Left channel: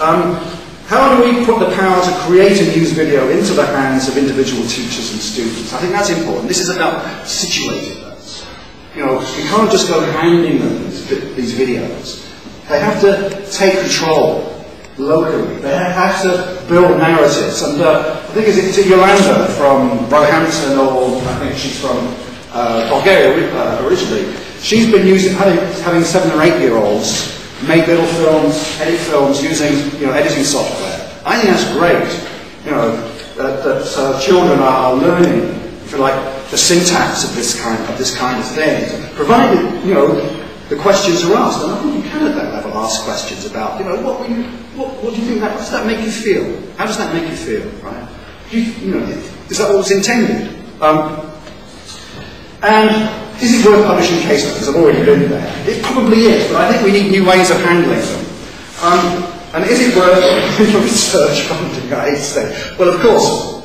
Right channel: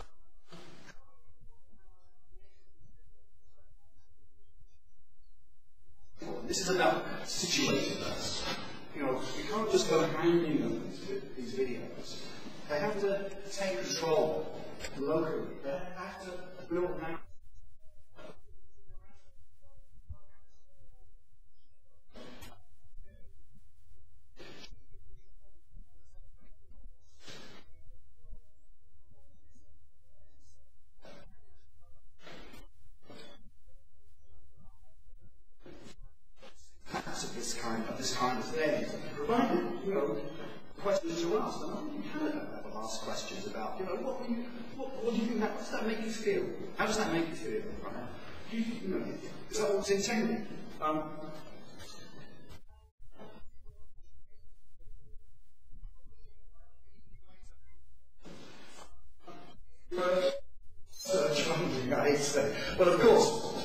How do we put the power to create a news video into the hands of individual teachers and students? I think that's important. This is about situating us. You know, we can't just go handing them these videos. They have to take control locally. They have to build narratives. And I think it's Yolanda from Roehampton, or I think she's from Bulgaria originally. She's been having 7 or 8-year-olds make little films, edit films using editing software. I think that's great. You know that children are learning, if you like, the syntax of this kind of thing, provided the questions are asked. And I think you can at that level ask questions about what do you think? How does that make you feel? How does that make you feel? Right? Is that what was intended? And is it worth publishing case studies? I've already been there. It probably is, but I think we need new ways of handling them. And is it worth research funding? I hate to say. Well, of course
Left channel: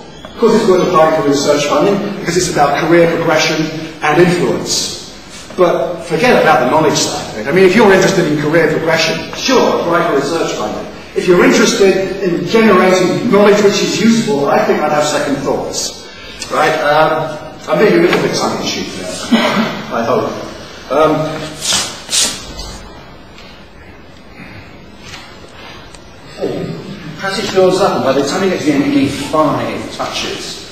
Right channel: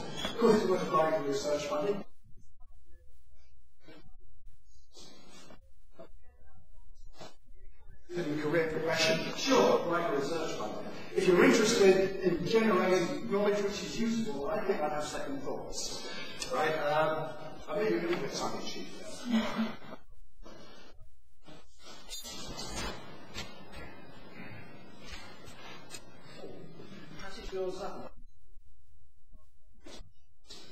it's worth applying for research funding because it's about career progression and influence. But forget about the knowledge side of it. I mean, if you're interested in career progression, sure, apply for research funding. If you're interested in generating knowledge which is useful, I think I'd have second thoughts. Right? I'm being a little bit tongue-in-cheek there, I hope. Perhaps it builds up, and by the time you get to the end, you need 5 touches.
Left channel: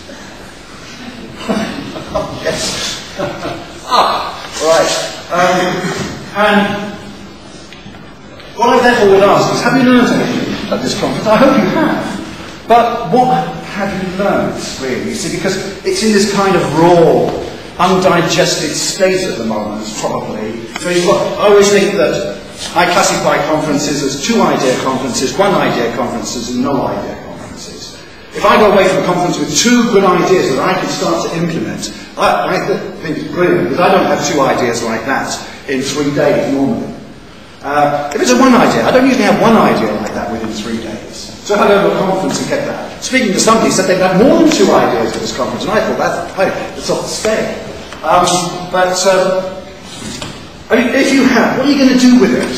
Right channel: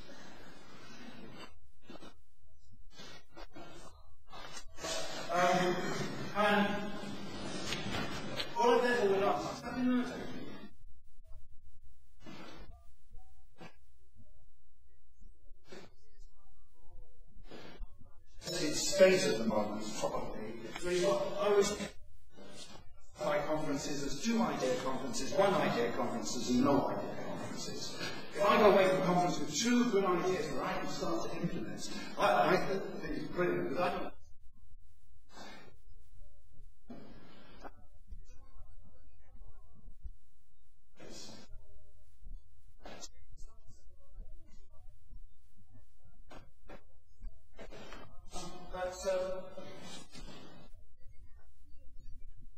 Yes. Right. And what I therefore would ask is, have you learned anything at this conference? I hope you have. But what have you learned, really? You see, because it's in this kind of raw, undigested state at the moment, probably. So I always think that I classify conferences as 2-idea conferences, 1-idea conferences, and no-idea conferences. If I go away from a conference with 2 good ideas that I can start to implement, I think it's brilliant, because I don't have 2 ideas like that in 3 days normally. If it's a 1 idea, I don't usually have 1 idea like that within 3 days. So if I go to a conference and get that, speaking to somebody said they'd had more than 2 ideas at this conference, and I thought that's off the scale. I mean, if you have, what are you going to do with it?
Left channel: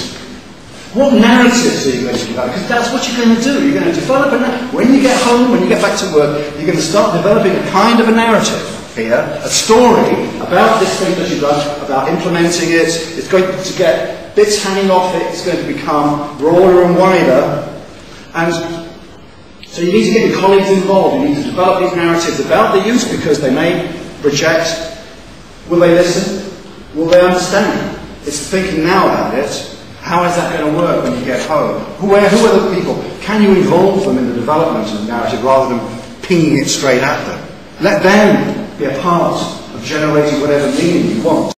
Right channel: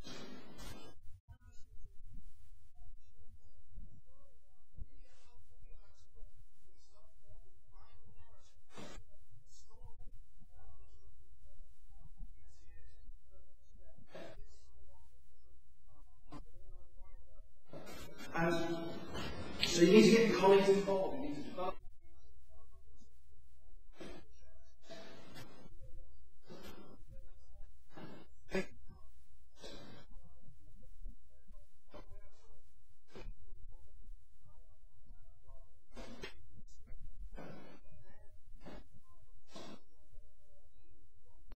What narratives are you going to develop? Because that's what you're going to do. You're going to develop a narrative. When you get home, when you get back to work, you're going to start developing a kind of a narrative here, a story about this thing that you've done, about implementing it. It's going to get bits hanging off it. It's going to become broader and wider. And so you need to get your colleagues involved. You need to develop these narratives about the use, because they may reject. Will they listen? Will they understand? It's thinking now about it. How is that going to work when you get home? Who are the people? Can you involve them in the development of the narrative rather than pinging it straight at them? Let them be a part of generating whatever meaning you want.